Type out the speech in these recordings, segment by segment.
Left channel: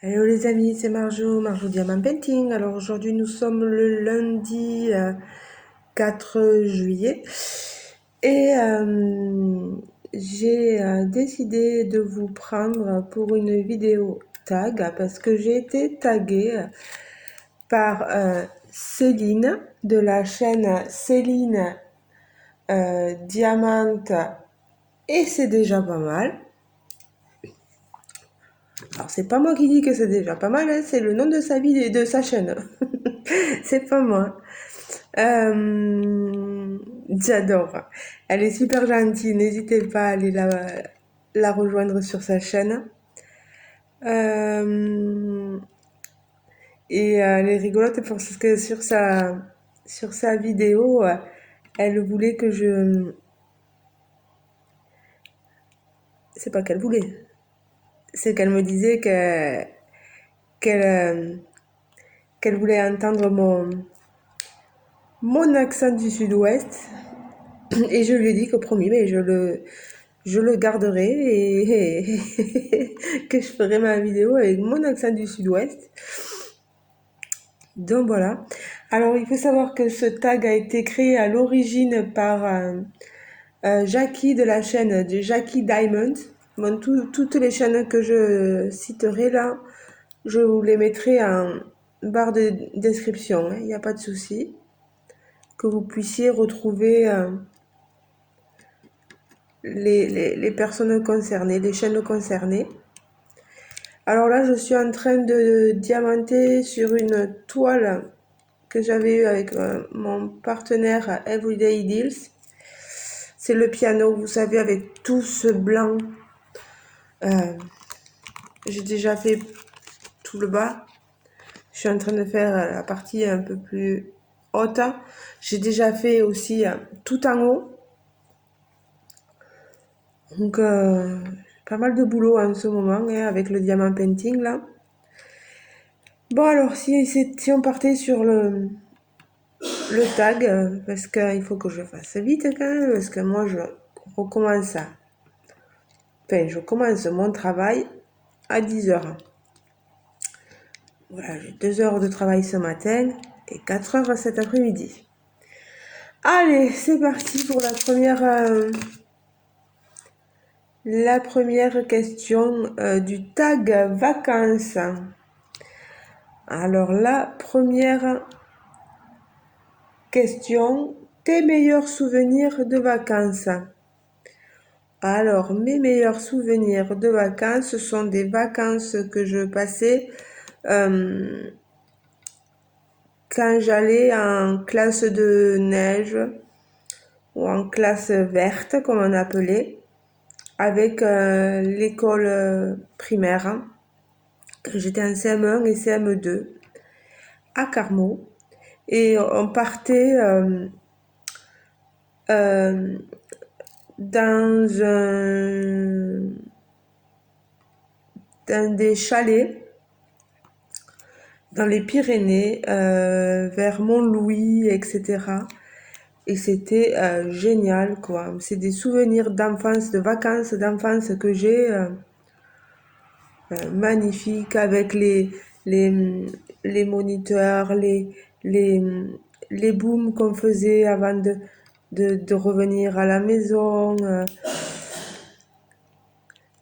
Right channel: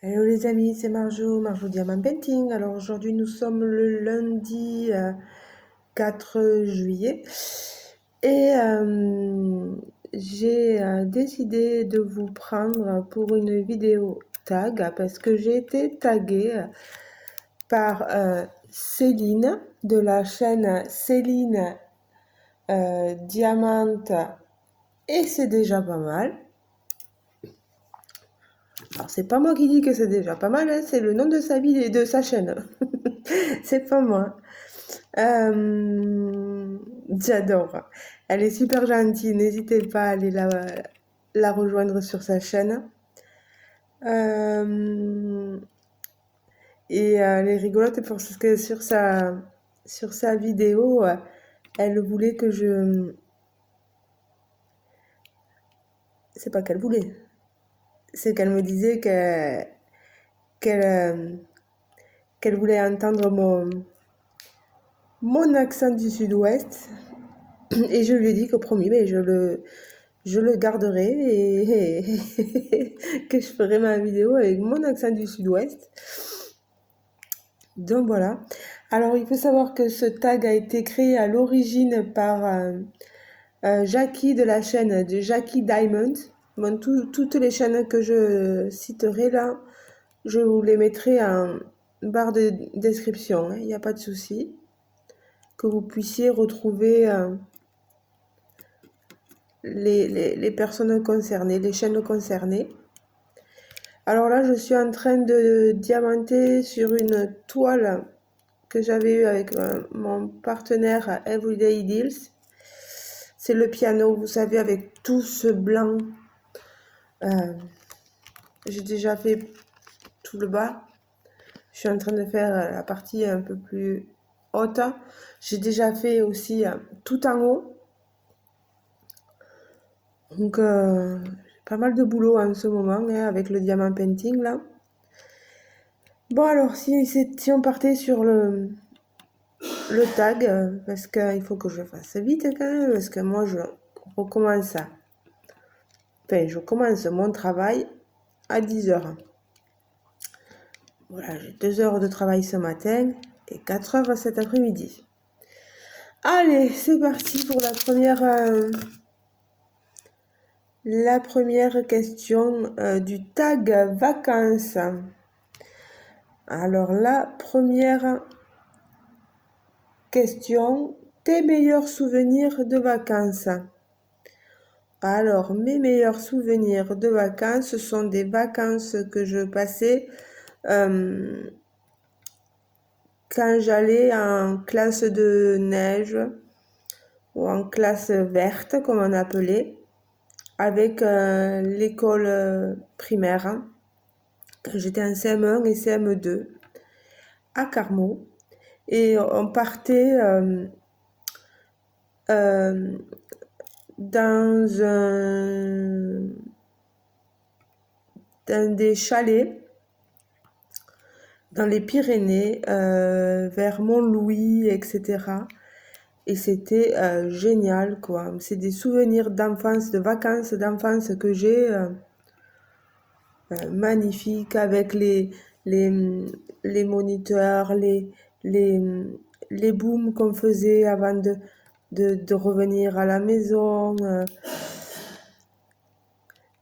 Hello les amis, c'est Marjo Diamant Painting. Alors aujourd'hui nous sommes le lundi 4 juillet et j'ai décidé de vous prendre pour une vidéo tag parce que j'ai été taguée par Céline de la chaîne Céline Diamant et c'est déjà pas mal. Alors c'est pas moi qui dis que c'est déjà pas mal, hein, c'est le nom de sa vie et de sa chaîne. C'est pas moi. J'adore. Elle est super gentille. N'hésitez pas à aller la rejoindre sur sa chaîne. Et elle est rigolote parce que sur sa vidéo, elle voulait que je... C'est pas qu'elle voulait. C'est qu'elle me disait qu'elle qu'elle voulait entendre mon accent du sud-ouest. Et je lui ai dit que promis, mais je le garderai et que je ferai ma vidéo avec mon accent du sud-ouest. Donc voilà. Alors il faut savoir que ce tag a été créé à l'origine par Jackie de la chaîne de Jackie Diamond. Bon, toutes les chaînes que je citerai là, je vous les mettrai en barre de description. Il n'y a pas de souci. Que vous puissiez retrouver les personnes concernées, les chaînes concernées. Alors là, je suis en train de diamanter sur une toile que j'avais eue avec mon partenaire Everyday Deals. C'est le piano, vous savez, avec tout ce blanc. Euh, j'ai déjà fait tout le bas. Je suis en train de faire la partie un peu plus haute. J'ai déjà fait aussi tout en haut. Donc, pas mal de boulot en ce moment hein, avec le diamant painting là. Bon alors, si on partait sur le tag, parce qu'il faut que je fasse vite quand même, parce que moi je recommence à... Enfin, je commence mon travail à 10h. Voilà, j'ai 2 heures de travail ce matin et 4 heures cet après-midi. Allez, c'est parti pour la première question du tag vacances. Alors la première question, tes meilleurs souvenirs de vacances? Alors, mes meilleurs souvenirs de vacances, ce sont des vacances que je passais quand j'allais en classe de neige ou en classe verte, comme on appelait, avec l'école primaire, quand j'étais en CM1 et CM2 à Carmaux. Et on partait euh, dans des chalets dans les Pyrénées, vers Mont-Louis, etc. Et c'était génial, quoi. C'est des souvenirs d'enfance, de vacances d'enfance que j'ai magnifiques avec les, les moniteurs, les, les booms qu'on faisait avant de revenir à la maison,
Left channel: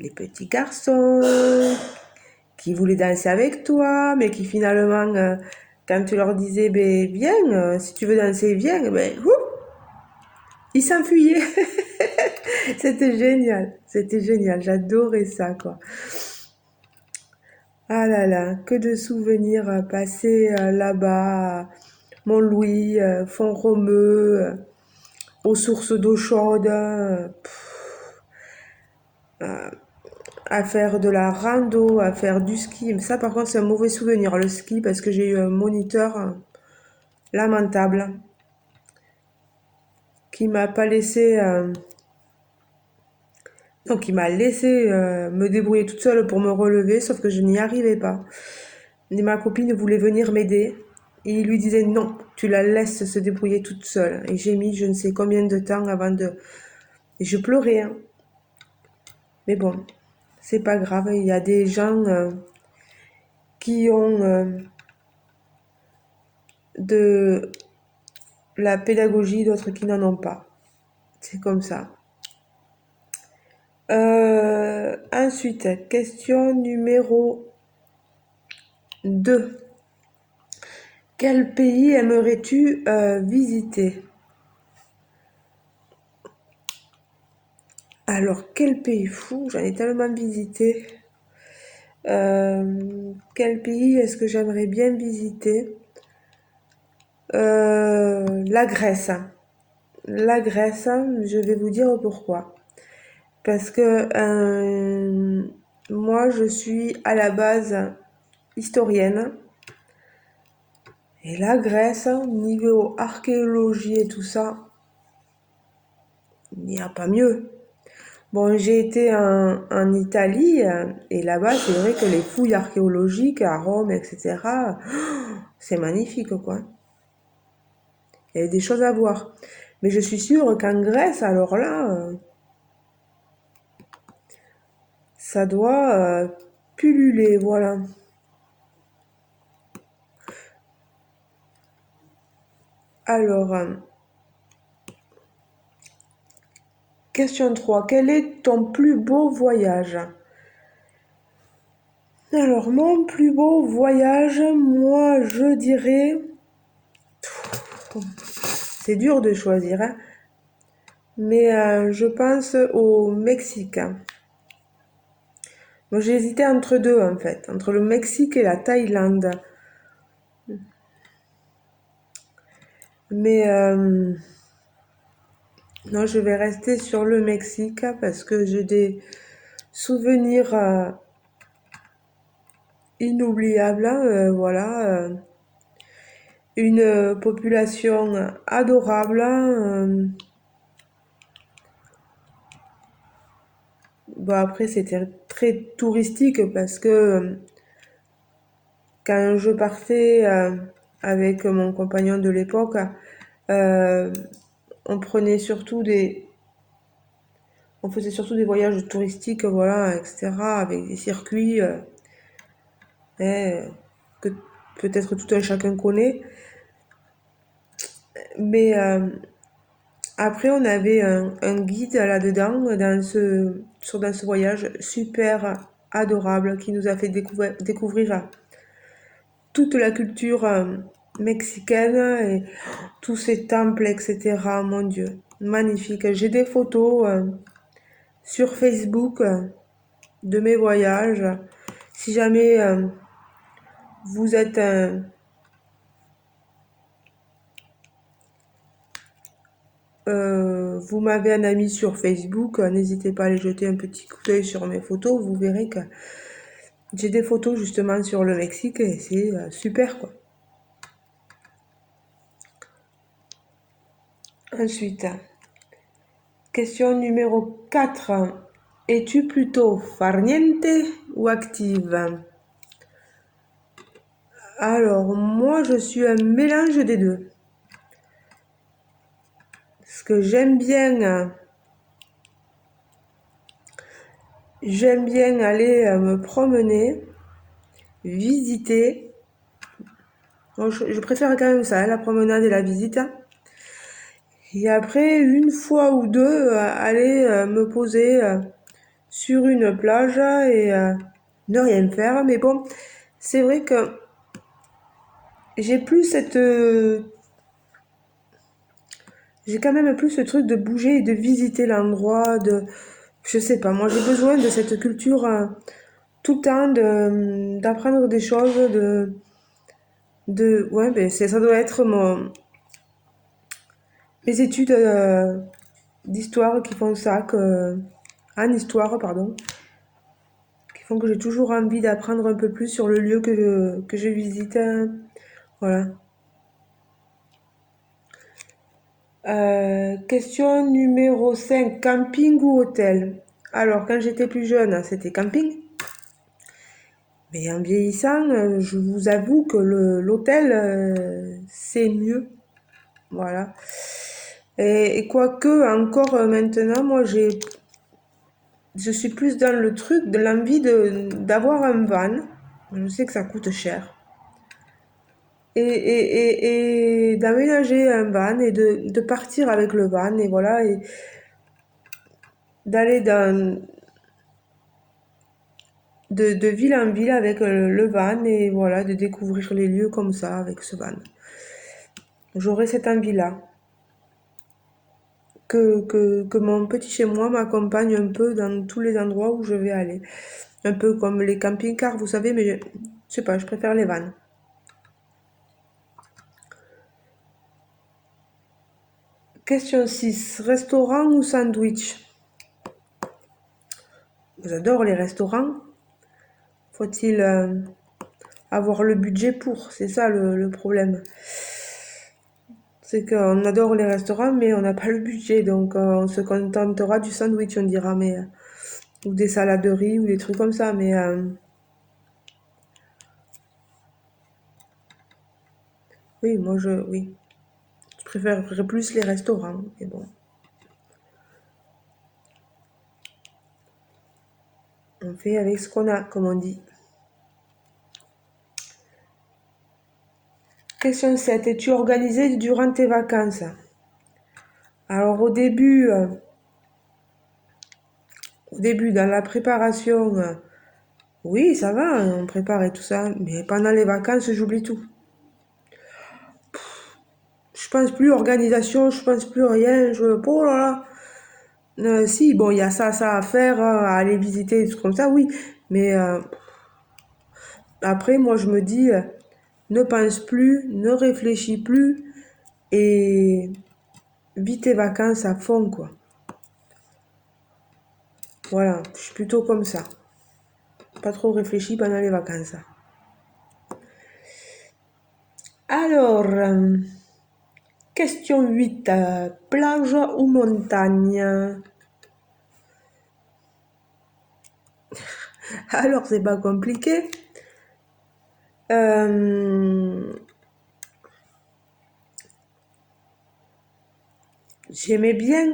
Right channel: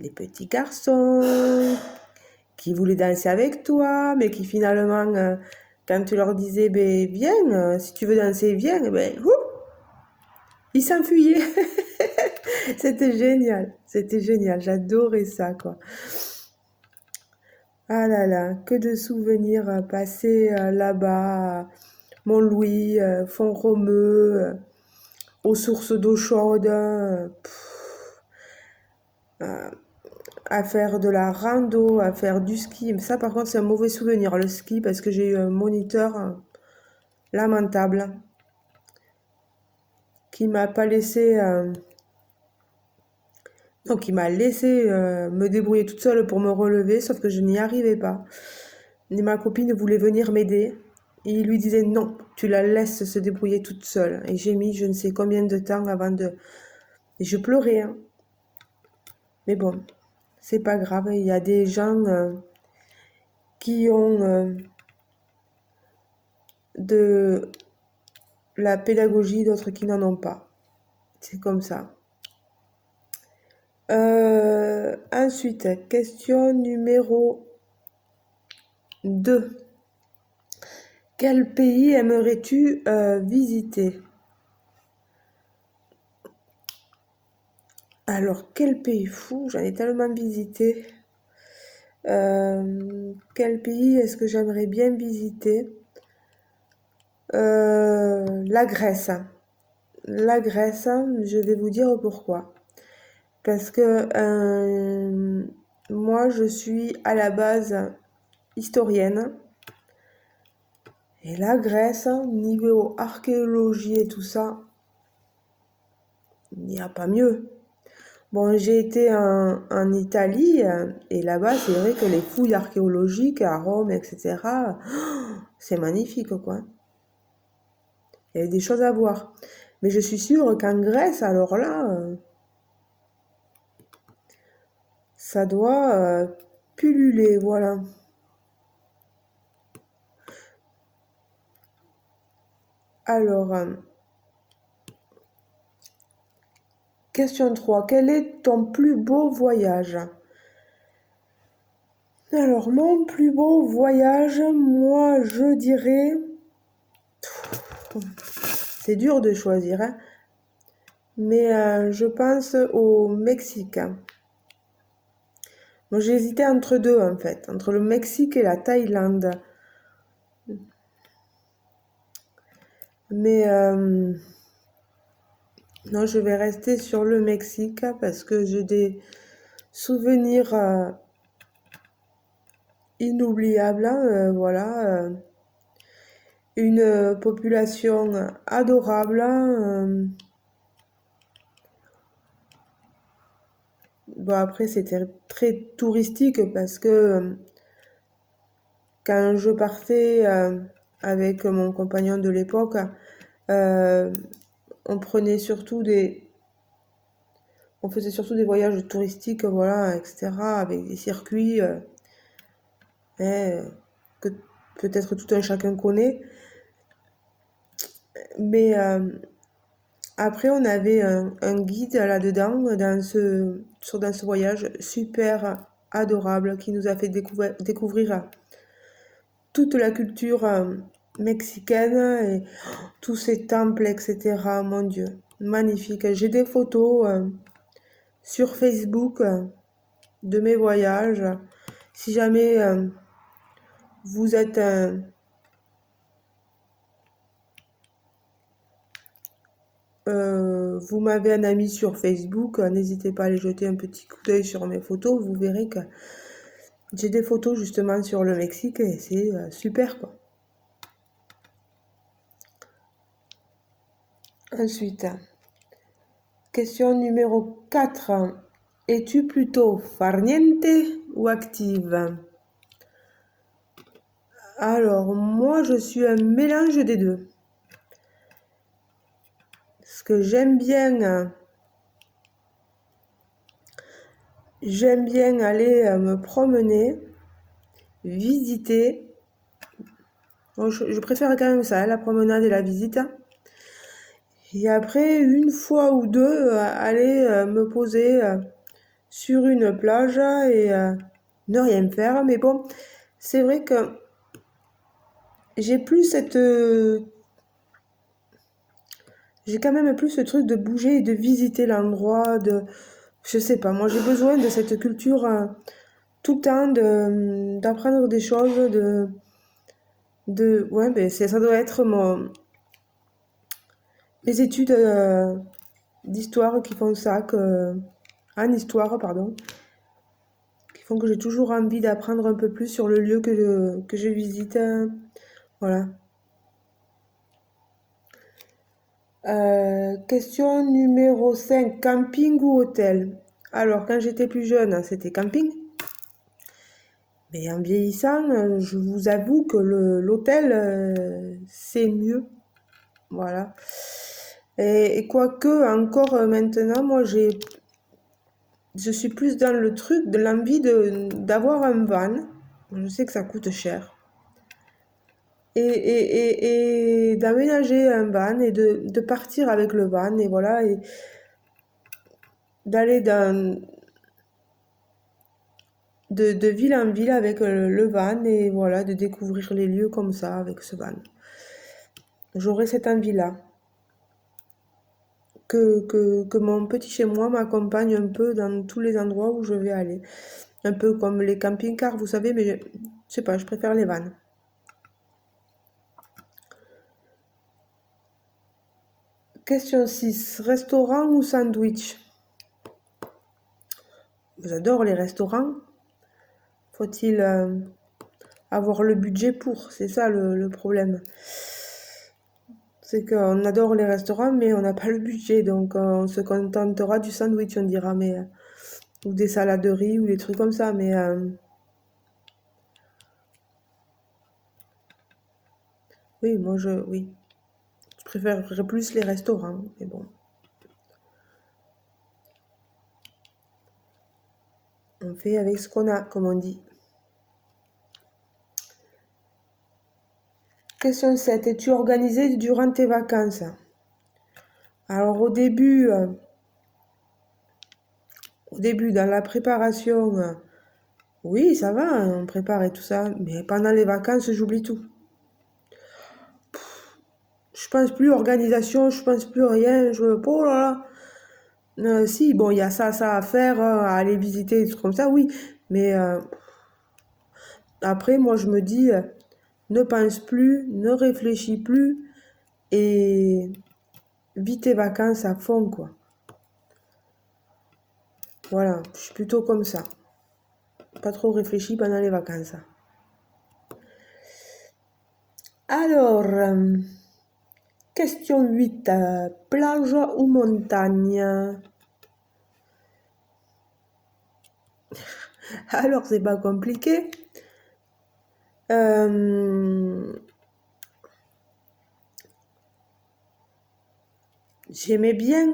les petits garçons qui voulaient danser avec toi, mais qui finalement, quand tu leur disais, ben, viens, si tu veux danser, viens, ben, ils s'enfuyaient. C'était génial, j'adorais ça, quoi. Ah là là, que de souvenirs passés là-bas, Mont-Louis, Font-Romeu, aux sources d'eau chaude, à faire de la rando, à faire du ski. Ça, par contre, c'est un mauvais souvenir, le ski, parce que j'ai eu un moniteur lamentable qui m'a pas laissé... donc, il m'a laissé me débrouiller toute seule pour me relever, sauf que je n'y arrivais pas. Et ma copine voulait venir m'aider. Et il lui disait non, tu la laisses se débrouiller toute seule. Et j'ai mis je ne sais combien de temps avant de... Et je pleurais, hein. Mais bon, c'est pas grave. Il y a des gens qui ont de la pédagogie, d'autres qui n'en ont pas. C'est comme ça. Ensuite, question numéro 2. Quel pays aimerais-tu visiter? Alors, quel pays fou? J'en ai tellement visité. Quel pays est-ce que j'aimerais bien visiter? La Grèce. La Grèce, je vais vous dire pourquoi. Parce que moi, je suis à la base historienne. Et la Grèce, niveau archéologie et tout ça, il n'y a pas mieux. Bon, j'ai été en Italie et là-bas, c'est vrai que les fouilles archéologiques à Rome, etc., c'est magnifique, quoi. Il y a des choses à voir. Mais je suis sûre qu'en Grèce, alors là, ça doit pulluler, voilà. Alors, question 3. Quel est ton plus beau voyage? Alors, mon plus beau voyage, moi, je dirais... C'est dur de choisir, hein, mais je pense au Mexique. Moi, j'ai hésité entre deux, en fait, entre le Mexique et la Thaïlande. Mais non, je vais rester sur le Mexique parce que j'ai des souvenirs inoubliables, hein, voilà. Une population adorable, hein. Bon, après, c'était très touristique parce que quand je partais avec mon compagnon de l'époque, euh, on prenait surtout on faisait surtout des voyages touristiques, voilà, etc., avec des circuits hein, que peut-être tout un chacun connaît. Mais après, on avait un guide là-dedans, dans ce voyage super adorable qui nous a fait découvrir toute la culture mexicaine et tous ces temples, etc. Mon Dieu, magnifique. J'ai des photos sur Facebook de mes voyages. Si jamais vous êtes vous m'avez un ami sur Facebook, n'hésitez pas à aller jeter un petit coup d'œil sur mes photos. Vous verrez que j'ai des photos justement sur le Mexique et c'est super quoi. Ensuite, question numéro 4. Es-tu plutôt farniente ou active? Alors, moi, je suis un mélange des deux. Parce que j'aime bien aller me promener, visiter. Bon, je préfère quand même ça, hein, la promenade et la visite. Et après, une fois ou deux, aller me poser sur une plage et ne rien faire. Mais bon, c'est vrai que j'ai plus j'ai quand même plus ce truc de bouger et de visiter l'endroit, je sais pas, moi j'ai besoin de cette culture tout le temps, d'apprendre des choses, ouais, ben ça doit être mes études d'histoire qui font ça, en histoire, pardon, qui font que j'ai toujours envie d'apprendre un peu plus sur le lieu que je visite, voilà. Question numéro 5. Camping ou hôtel? Alors, quand j'étais plus jeune, c'était camping. Mais en vieillissant, je vous avoue que l'hôtel, c'est mieux. Voilà. Et quoique, encore maintenant, moi, je suis plus dans le truc de l'envie d'avoir un van. Je sais que ça coûte cher. Et d'aménager un van et de partir avec le van et voilà, et d'aller de ville en ville avec le van et voilà, de découvrir les lieux comme ça avec ce van. J'aurais cette envie-là. Que mon petit chez moi m'accompagne un peu dans tous les endroits où je vais aller. Un peu comme les camping-cars, vous savez, mais je sais pas, je préfère les vannes. Question 6. Restaurant ou sandwich? J'adore les restaurants. Faut-il avoir le budget pour? C'est ça le problème. C'est qu'on adore les restaurants, mais on n'a pas le budget. Donc on se contentera du sandwich, on dira, mais, ou des salades de riz ou des trucs comme ça. Mais oui, oui, je préférerais plus les restaurants. Mais bon, on fait avec ce qu'on a, comme on dit. Question 7. Es-tu organisé durant tes vacances? Alors au début, dans la préparation, oui, ça va, on prépare et tout ça. Mais pendant les vacances, j'oublie tout. Je pense plus organisation, je pense plus rien. Oh là là. Si, bon, il y a ça à faire, à aller visiter, des trucs comme ça, oui. Mais après, moi, je me dis, ne pense plus, ne réfléchis plus et vis tes vacances à fond, quoi. Voilà, je suis plutôt comme ça. Pas trop réfléchi pendant les vacances. Alors, question 8. Plage ou montagne? Alors, c'est pas compliqué. J'aimais bien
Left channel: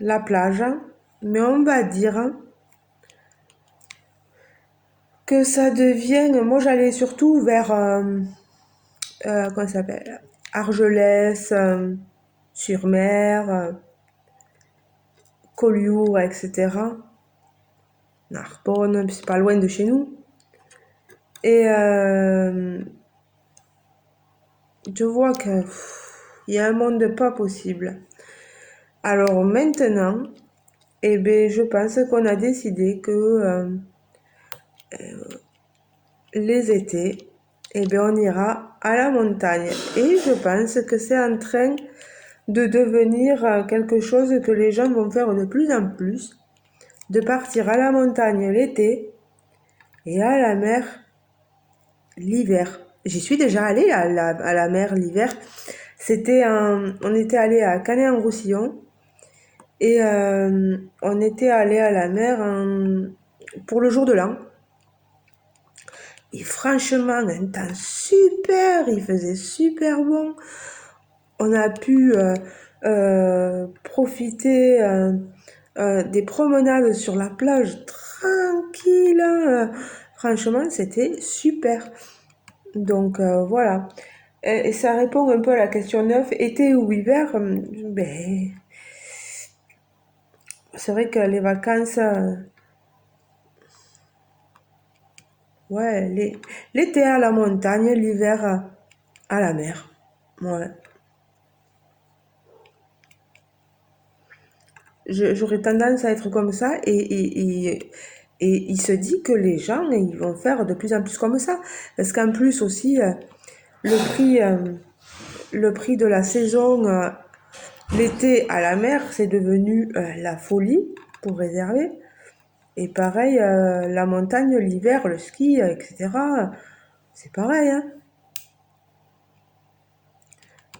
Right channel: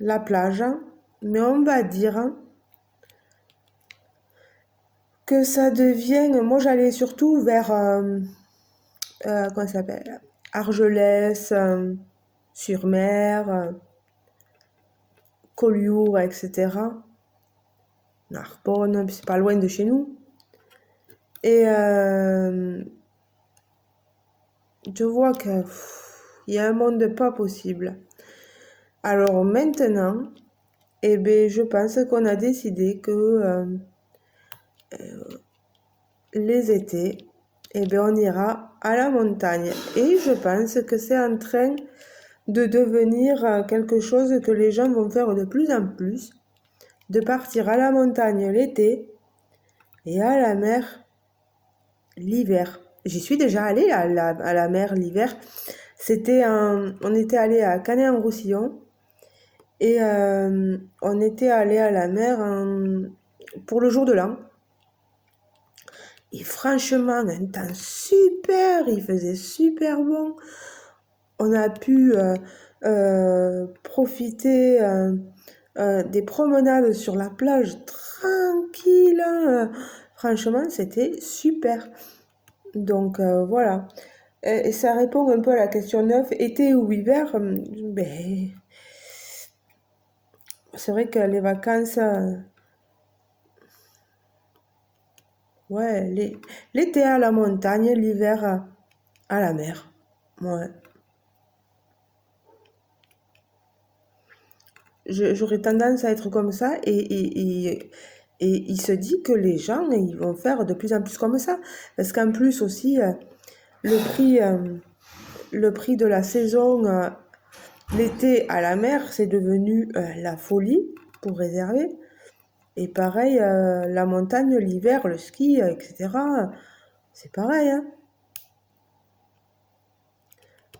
la plage, mais on va dire que ça devient... Moi, j'allais surtout vers... comment ça s'appelle? Argelès, sur mer, Collioure, etc. Narbonne, c'est pas loin de chez nous. Et je vois que il y a un monde pas possible. Alors maintenant, eh ben, je pense qu'on a décidé que les étés, eh ben, on ira à la montagne. Et je pense que c'est en train de devenir quelque chose que les gens vont faire de plus en plus, de partir à la montagne l'été et à la mer l'hiver. J'y suis déjà allée à la mer l'hiver. On était allé à Canet-en-Roussillon et on était allé à la mer pour le jour de l'an. Et franchement, un temps super, il faisait super bon. On a pu profiter des promenades sur la plage tranquille. Franchement, c'était super. Donc voilà. Et ça répond un peu à la question 9. Été ou hiver, ben, c'est vrai que les vacances, ouais, l'été à la montagne, l'hiver à la mer. Ouais. J'aurais tendance à être comme ça et il se dit que les gens, ils vont faire de plus en plus comme ça. Parce qu'en plus aussi, le prix, euh, le prix de la saison, l'été à la mer, c'est devenu la folie pour réserver. Et pareil, la montagne, l'hiver, le ski, etc. C'est pareil, hein.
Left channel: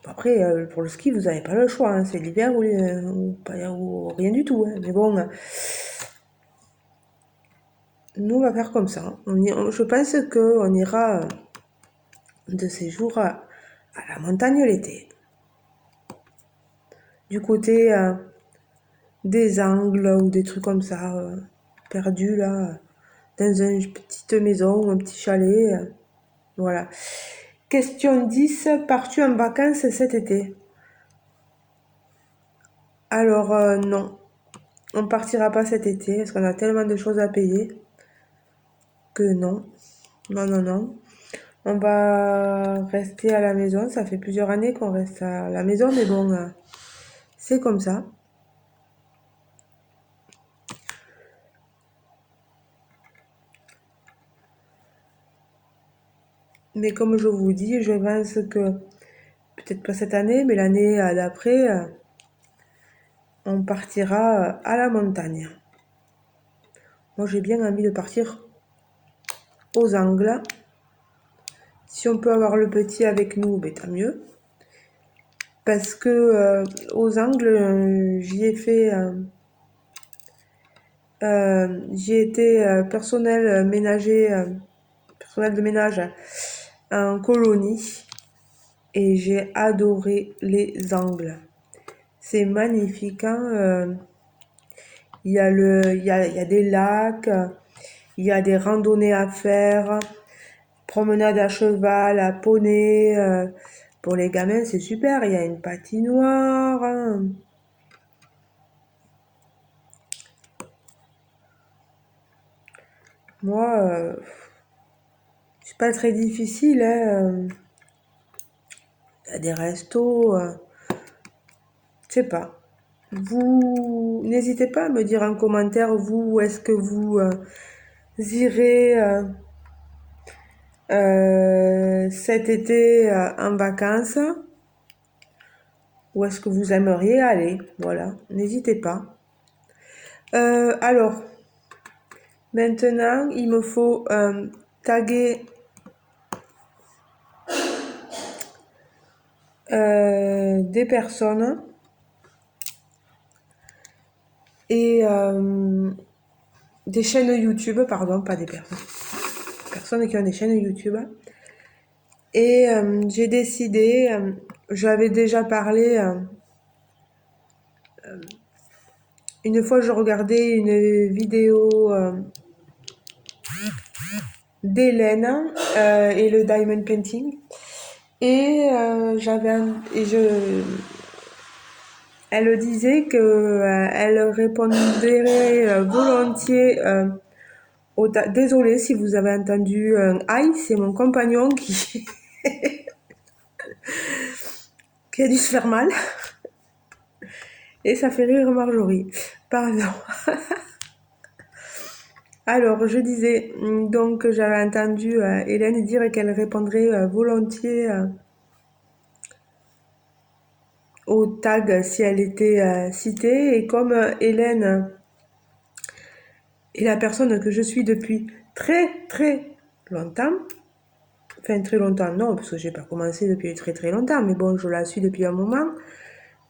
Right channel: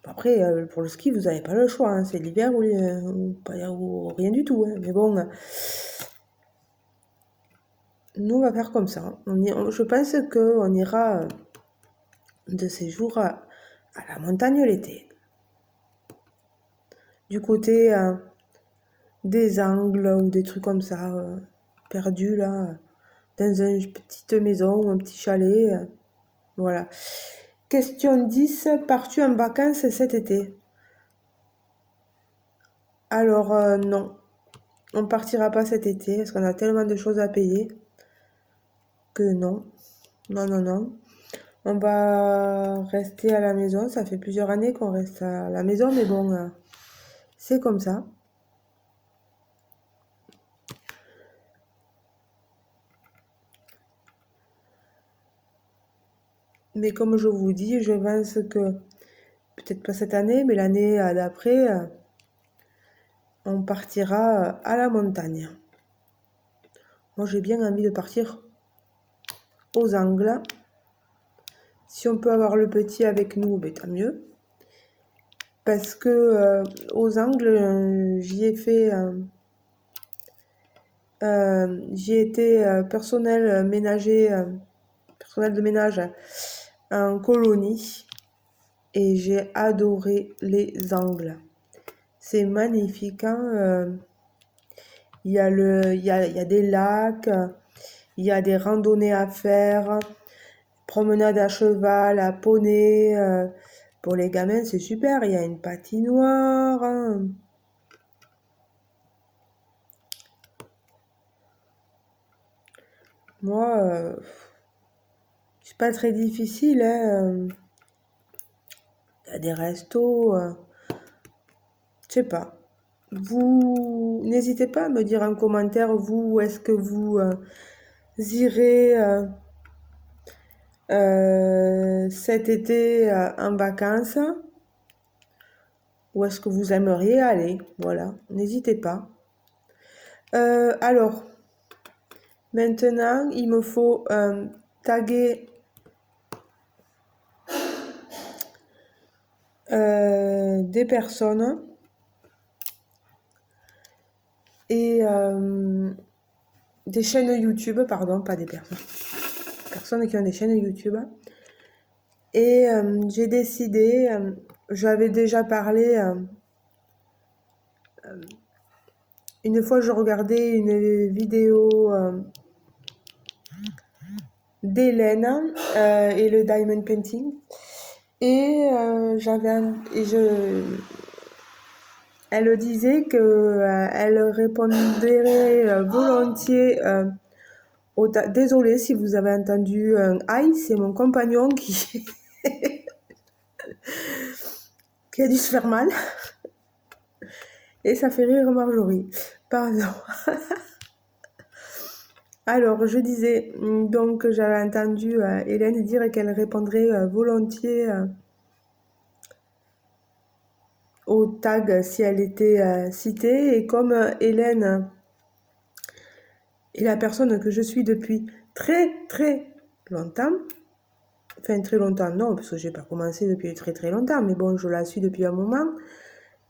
Après, pour le ski, vous n'avez pas le choix, hein. C'est l'hiver ou rien du tout, hein. Mais bon, nous, on va faire comme ça. Je pense qu'on ira de séjour à la montagne l'été. Du côté des Angles ou des trucs comme ça, perdus là. dans une petite maison ou un petit chalet. Voilà. Question 10. Pars-tu en vacances cet été? Alors, non. On partira pas cet été parce qu'on a tellement de choses à payer que non. Non, non, non. On va rester à la maison. Ça fait plusieurs années qu'on reste à la maison, mais bon, c'est comme ça. Mais comme je vous dis, je pense que peut-être pas cette année, mais l'année d'après, on partira à la montagne. Moi, j'ai bien envie de partir aux Angles. Si on peut avoir le petit avec nous, ben, tant mieux. Parce que aux Angles, j'y étais personnel de ménage en colonie et j'ai adoré les Angles. C'est magnifique, hein, il y a des lacs, il y a des randonnées à faire, promenade à cheval, à poney. Pour les gamins, c'est super. Il y a une patinoire, hein. Moi, c'est pas très difficile, hein. Il y a des restos, je sais pas. Vous n'hésitez pas à me dire en commentaire, vous, où est-ce que vous irez cet été en vacances? Où est-ce que vous aimeriez aller? Voilà, n'hésitez pas. Alors, maintenant, il me faut taguer des personnes et des chaînes YouTube, pardon, pas des personnes. Personnes qui ont des chaînes YouTube. Et j'ai décidé, j'avais déjà parlé, une fois je regardais une vidéo d'Hélène et le diamond painting. Et elle disait que elle répondrait volontiers désolée si vous avez entendu un aïe, c'est mon compagnon qui a dû se faire mal. Et ça fait rire Marjorie. Pardon. Alors, je disais donc que j'avais entendu Hélène dire qu'elle répondrait volontiers au tag si elle était citée. Et comme Hélène est la personne que je suis depuis très très longtemps, enfin très longtemps non, parce que j'ai pas commencé depuis très très longtemps, mais bon, je la suis depuis un moment.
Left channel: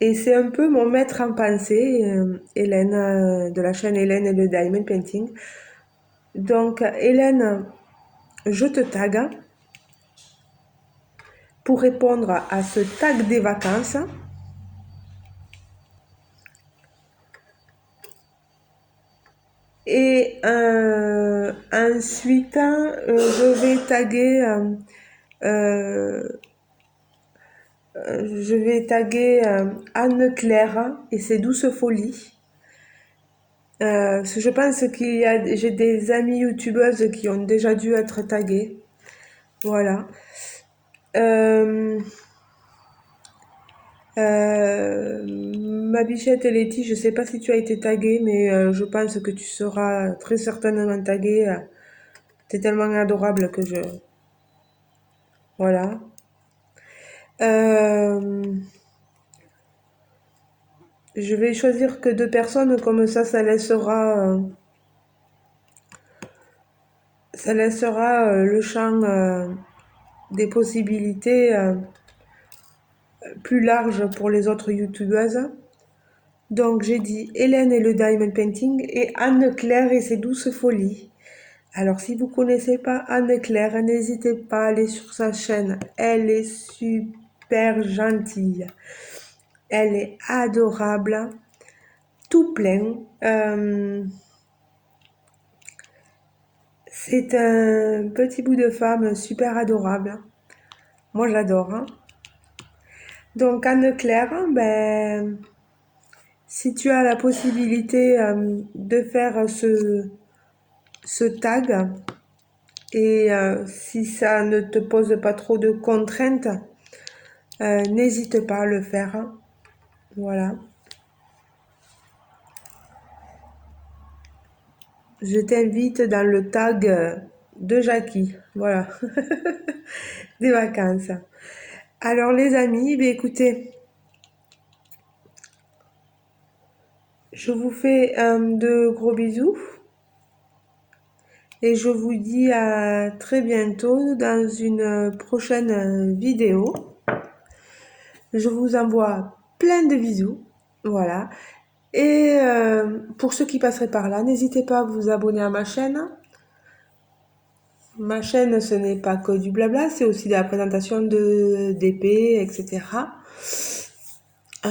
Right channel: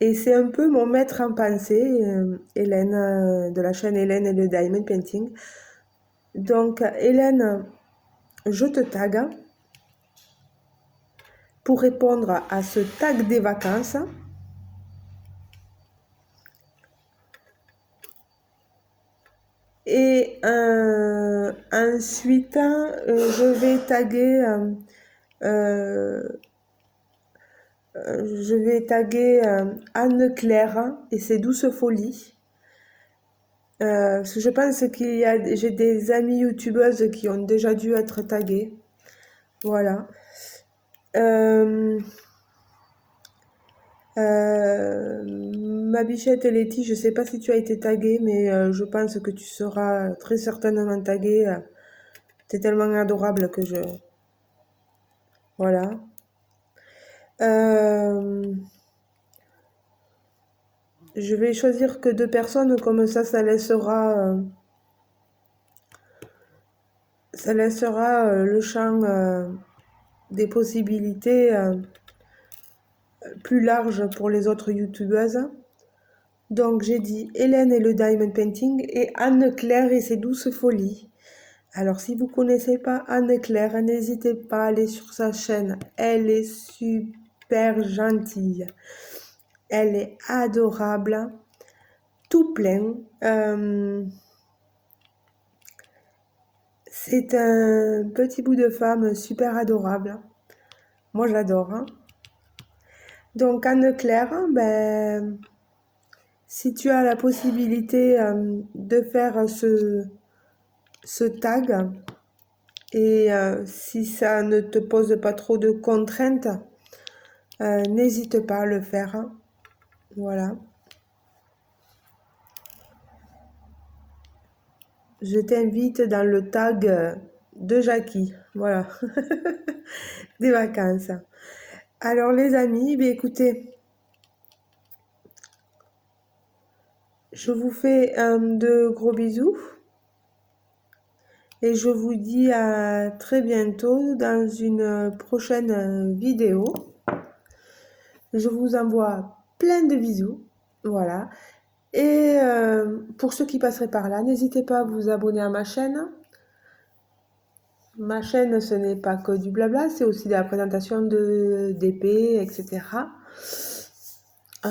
Et c'est un peu mon maître en pensée, Hélène, de la chaîne Hélène et le Diamond Painting. Donc, Hélène, je te tag pour répondre à ce tag des vacances. Et ensuite, je vais taguer Anne-Claire et ses douces folies. Parce que je pense j'ai des amies youtubeuses qui ont déjà dû être taguées. Voilà. Euh, Ma bichette Letty, je sais pas si tu as été taguée, mais je pense que tu seras très certainement taguée. T'es tellement adorable que je... Voilà. Euh, je vais choisir que deux personnes, comme ça laissera le champ des possibilités plus large pour les autres youtubeuses. Donc j'ai dit Hélène et le Diamond Painting et Anne-Claire et ses douces folies. Alors si vous ne connaissez pas Anne-Claire, n'hésitez pas à aller sur sa chaîne. Elle est super gentille. Elle est adorable. Tout plein. C'est un petit bout de femme super adorable. Moi, j'adore, hein. Donc, Anne-Claire, ben, si tu as la possibilité de faire ce tag et si ça ne te pose pas trop de contraintes, n'hésite pas à le faire, hein. Voilà. Je t'invite dans le tag de Jackie. Voilà. Des vacances. Alors les amis, ben, écoutez, je vous fais de gros bisous et je vous dis à très bientôt dans une prochaine vidéo. Je vous envoie plein de bisous. Voilà. Et pour ceux qui passeraient par là, n'hésitez pas à vous abonner à ma chaîne. Ma chaîne, ce n'est pas que du blabla, c'est aussi de la présentation d'épées, etc. Euh,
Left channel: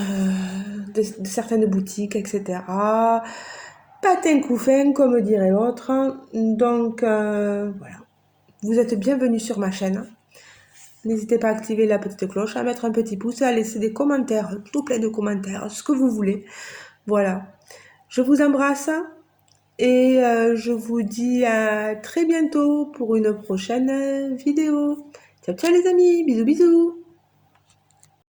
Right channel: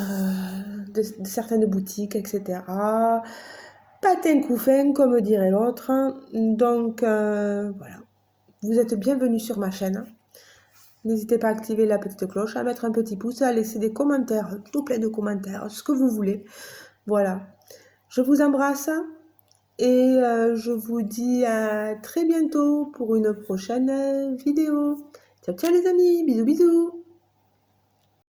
de certaines boutiques, etc. Patin couffin, comme dirait l'autre. Donc, voilà. Vous êtes bienvenus sur ma chaîne. N'hésitez pas à activer la petite cloche, à mettre un petit pouce et à laisser des commentaires, tout plein de commentaires, ce que vous voulez. Voilà. Je vous embrasse et je vous dis à très bientôt pour une prochaine vidéo. Ciao, ciao les amis. Bisous, bisous.